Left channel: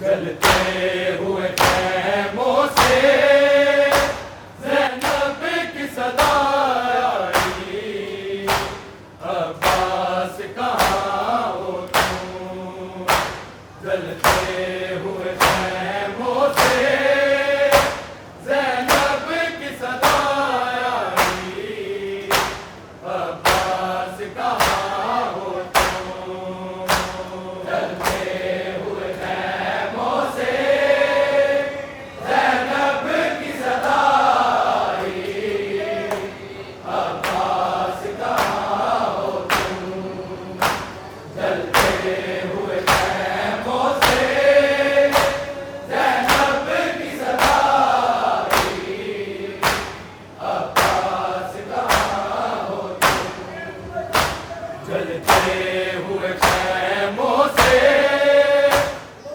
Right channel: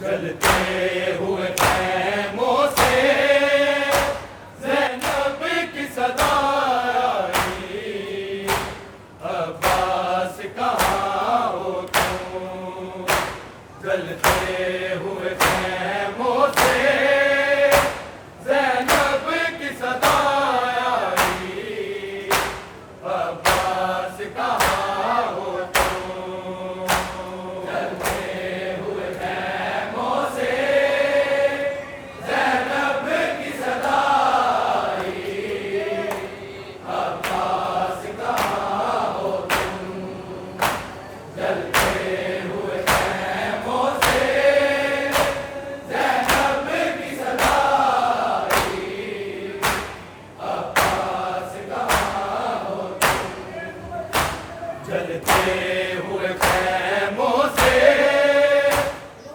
जलते हुए खैमों से ज़ैनब की सदा आई, अब्बास कहाँ हो तुम। जलते हुए खैमों से ज़ैनब की सदा आई, अब्बास कहाँ हो तुम। जलते हुए खैमों से ज़ैनब की सदा आई, अब्बास कहाँ हो तुम। जलते हुए खैमों से ज़ैनब की सदा आई, अब्बास कहाँ हो तुम। जलते हुए खैमों से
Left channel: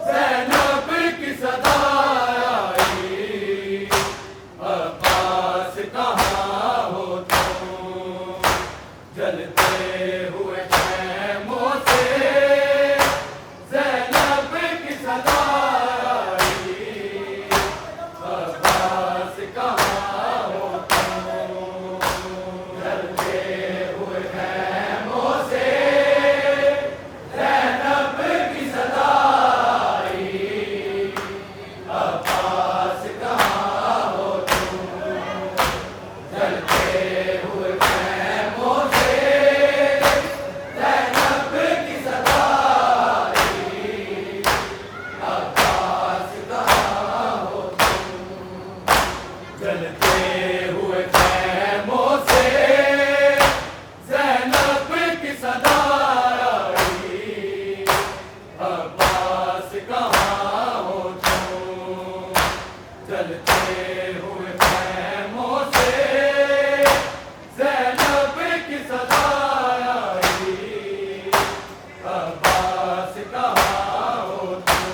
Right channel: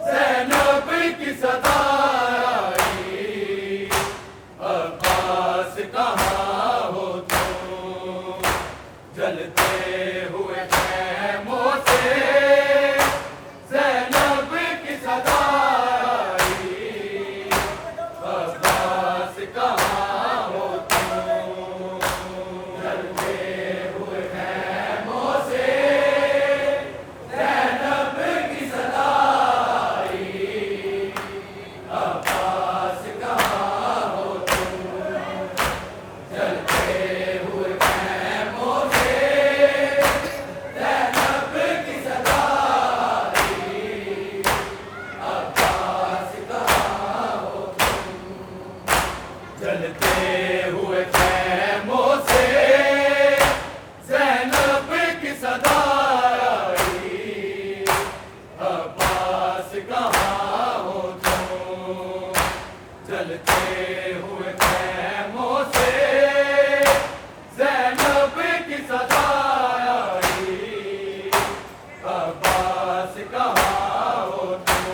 ज़ैनब की सदा आई, अब्बास कहाँ हो तुम। जलते हुए खैमों से ज़ैनब की सदा आई, अब्बास कहाँ हो तुम। जलते हुए खैमों से ज़ैनब की सदा आई, अब्बास कहाँ हो तुम। जलते हुए खैमों से ज़ैनब की सदा आई, अब्बास कहाँ हो तुम। जलते हुए खैमों से ज़ैनब की सदा आई, अब्बास कहाँ हो तुम। जलते हुए खैमों से ज़ैनब की सदा आई, अब्बास कहाँ हो तुम।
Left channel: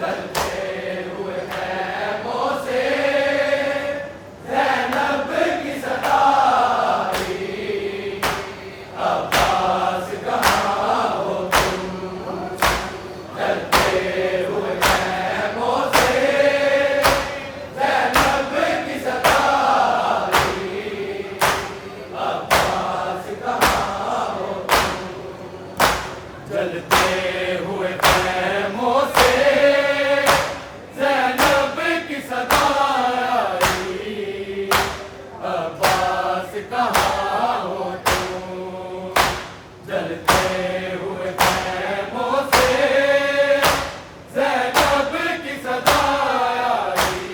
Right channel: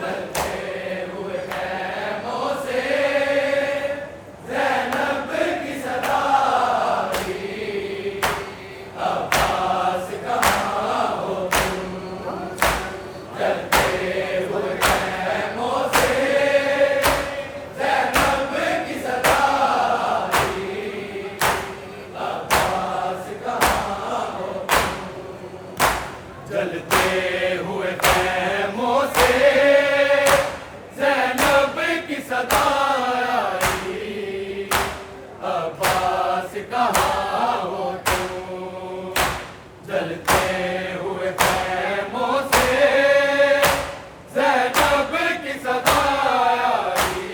जलते हुए खैमों से ज़ैनब की सदा आई, अब्बास कहाँ हो तुम। जलते हुए खैमों से ज़ैनब की सदा आई, अब्बास कहाँ हो तुम। जलते हुए खैमों से ज़ैनब की सदा आई, अब्बास कहाँ हो तुम। जलते हुए खैमों से ज़ैनब की सदा आई,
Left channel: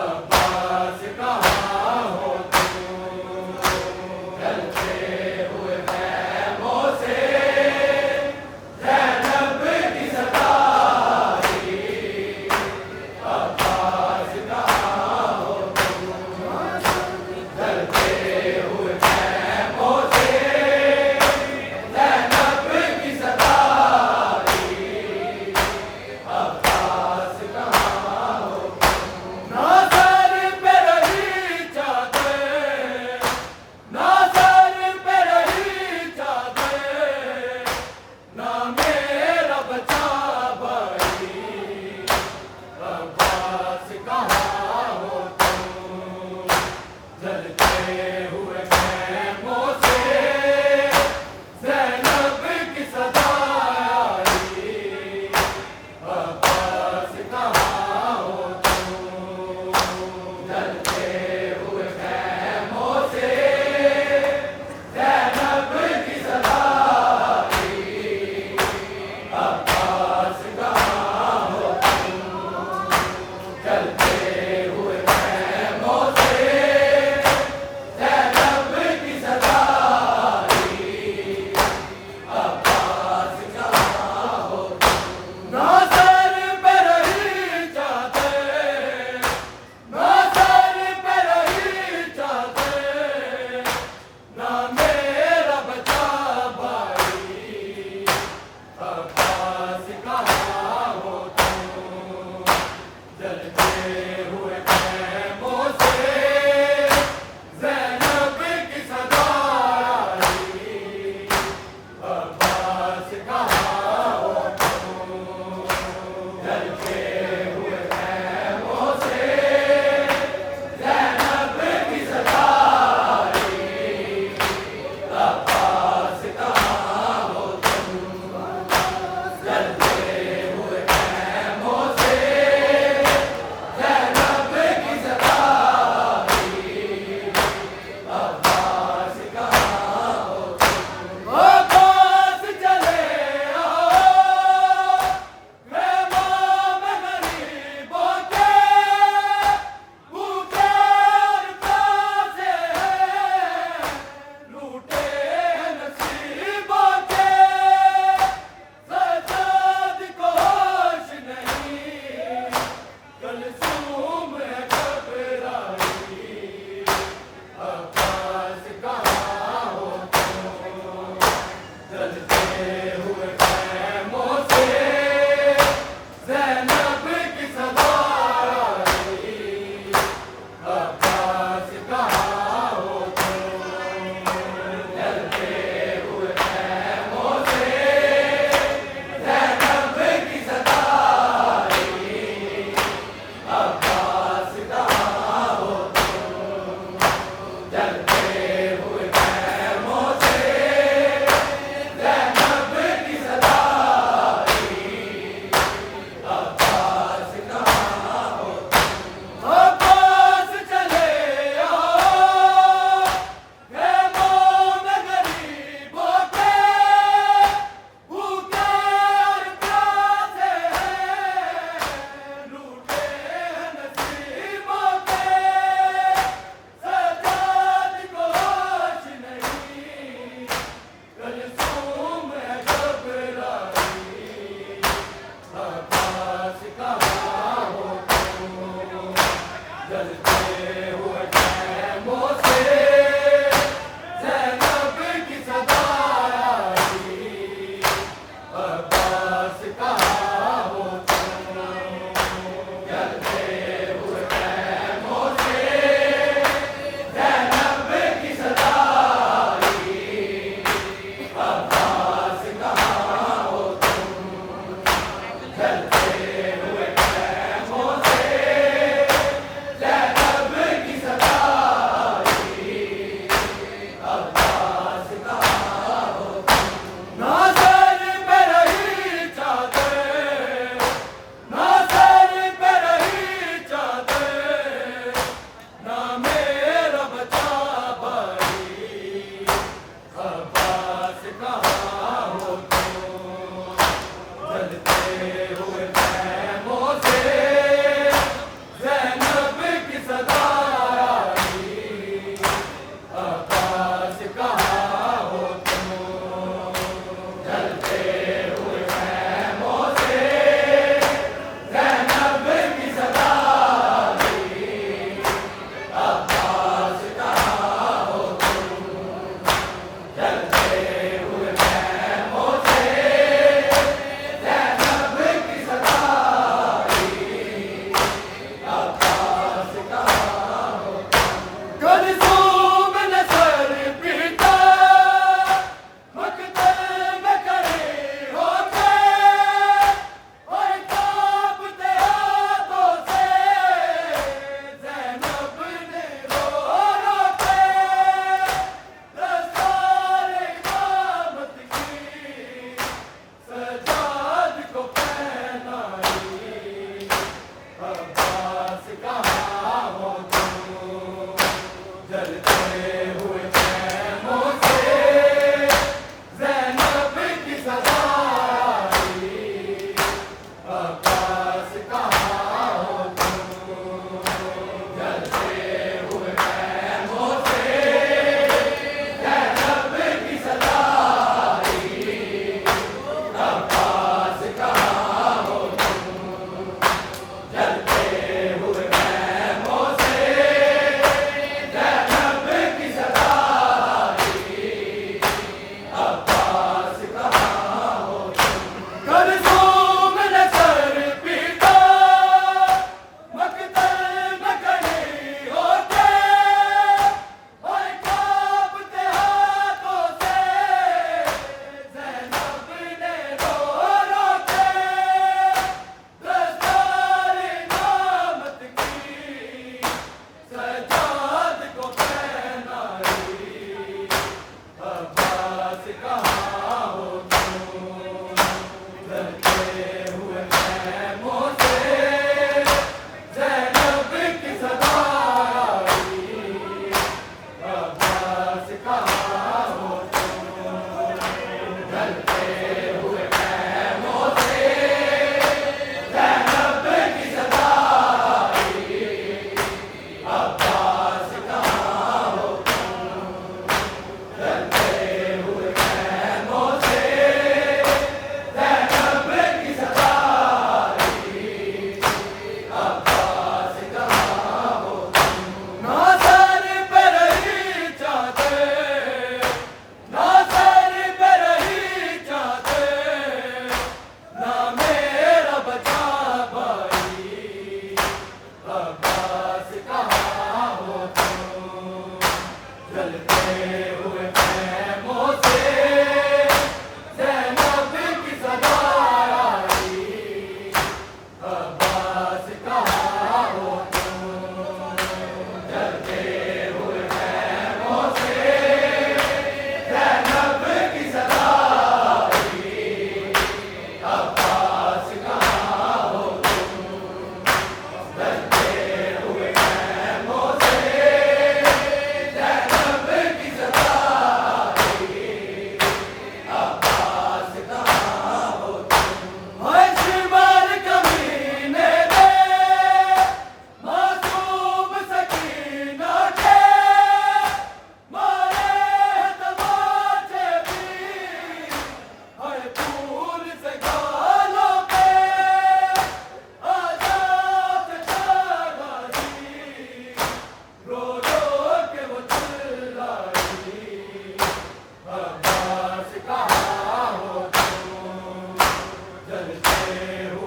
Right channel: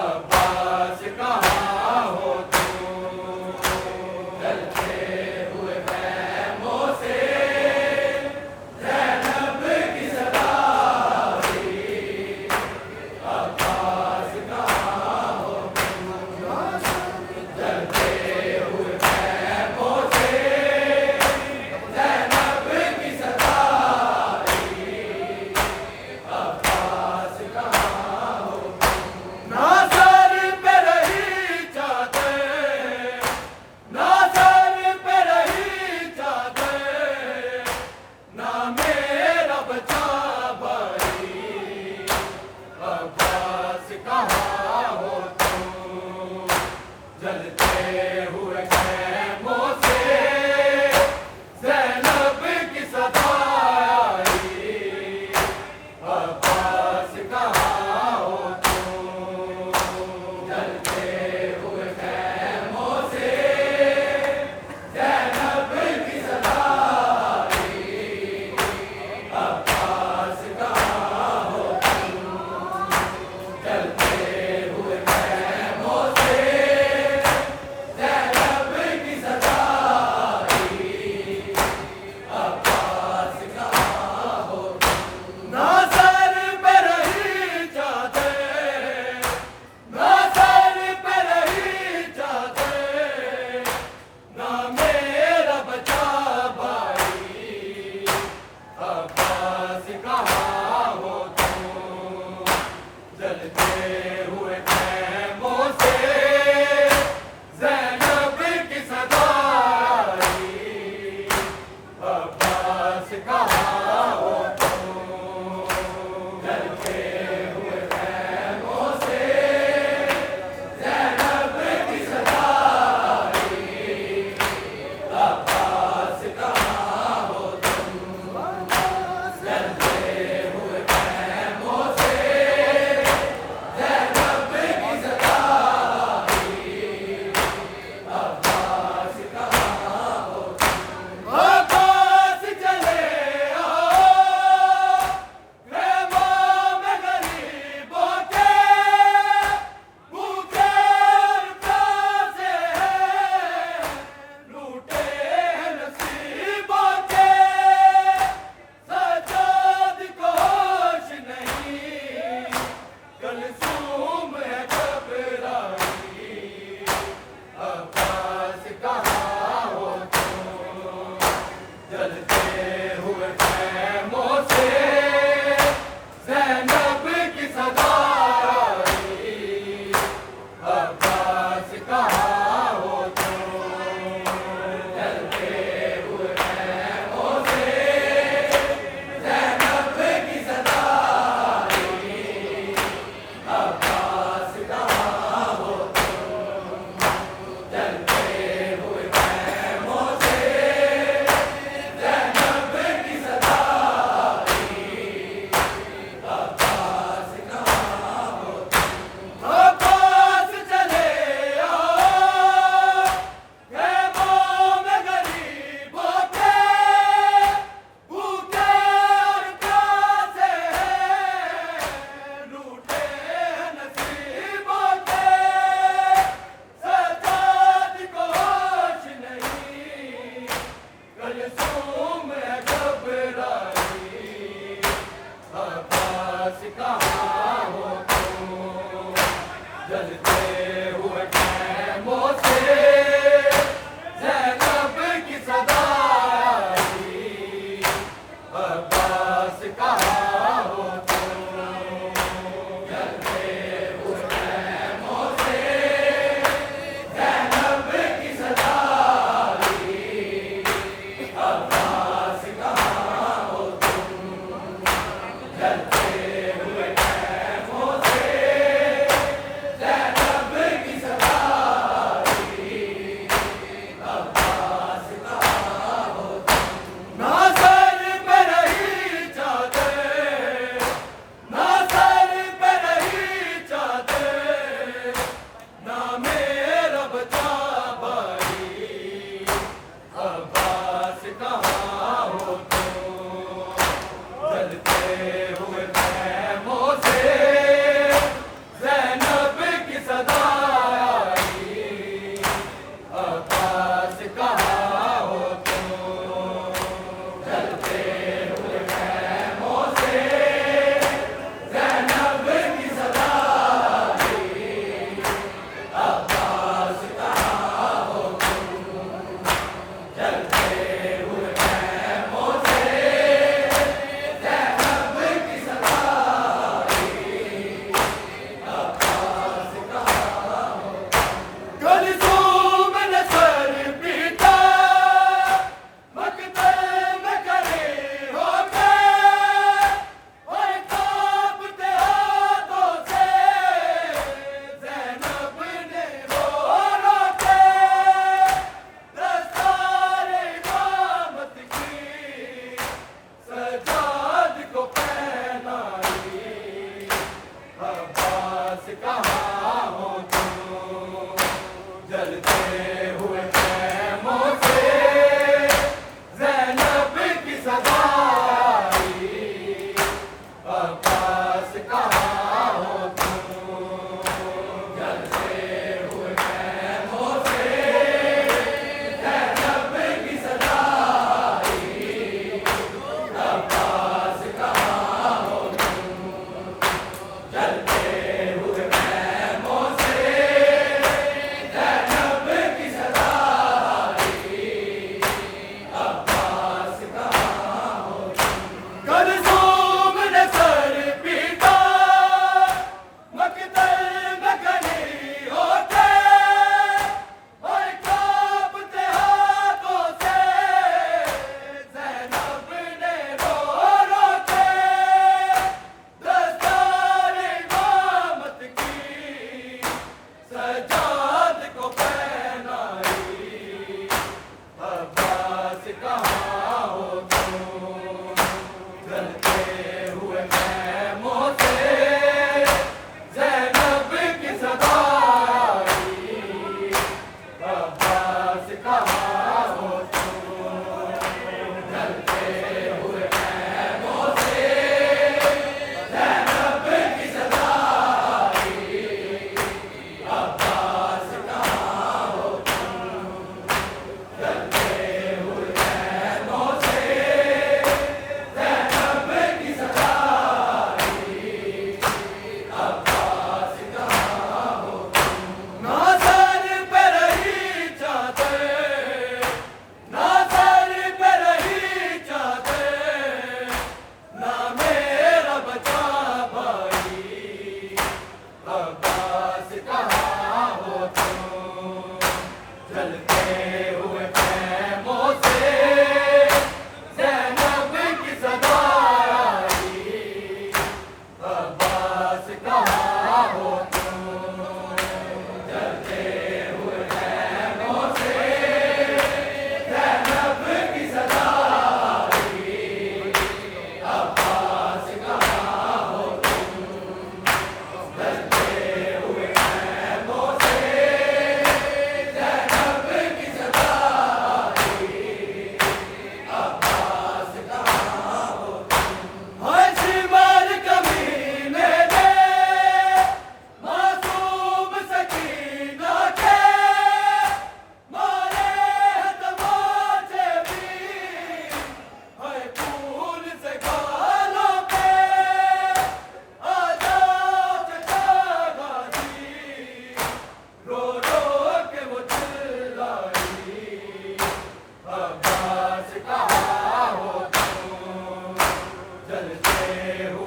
अब्बास कहाँ हो तुम। जलते हुए खैमों से ज़ैनब की सदा आई, अब्बास कहाँ हो तुम। जलते हुए खैमों से ज़ैनब की सदा आई, अब्बास कहाँ हो तुम। ना सर पे रही चादर, ना सर पे रही चादर, ना मेरा बचा भाई, अब्बास कहाँ हो तुम। जलते हुए खैमों से ज़ैनब की सदा आई, अब्बास कहाँ हो तुम। जलते हुए खैमों से ज़ैनब की सदा आई, अब्बास कहाँ हो तुम। जलते हुए खैमों से ज़ैनब की सदा आई, अब्बास कहाँ हो तुम। ना सर पे रही चादर, ना सर पे रही चादर, ना मेरा बचा भाई, अब्बास कहाँ हो तुम। जलते हुए खैमों से ज़ैनब की सदा आई, अब्बास कहाँ हो तुम। अब्बास कहाँ हो तुम, जलते हुए खैमों से ज़ैनब की सदा आई। अब्बास कहाँ हो तुम, जलते हुए खैमों से ज़ैनब की सदा आई। अब्बास कहाँ हो तुम, ना सर पे रही चादर, ना सर पे रही चादर, ना मेरा बचा भाई। अब्बास कहाँ हो तुम, जलते हुए खैमों से ज़ैनब की सदा आई। अब्बास कहाँ हो तुम, जलते हुए खैमों से ज़ैनब की सदा आई। अब्बास कहाँ हो तुम, जलते हुए खैमों से ज़ैनब की सदा खड़े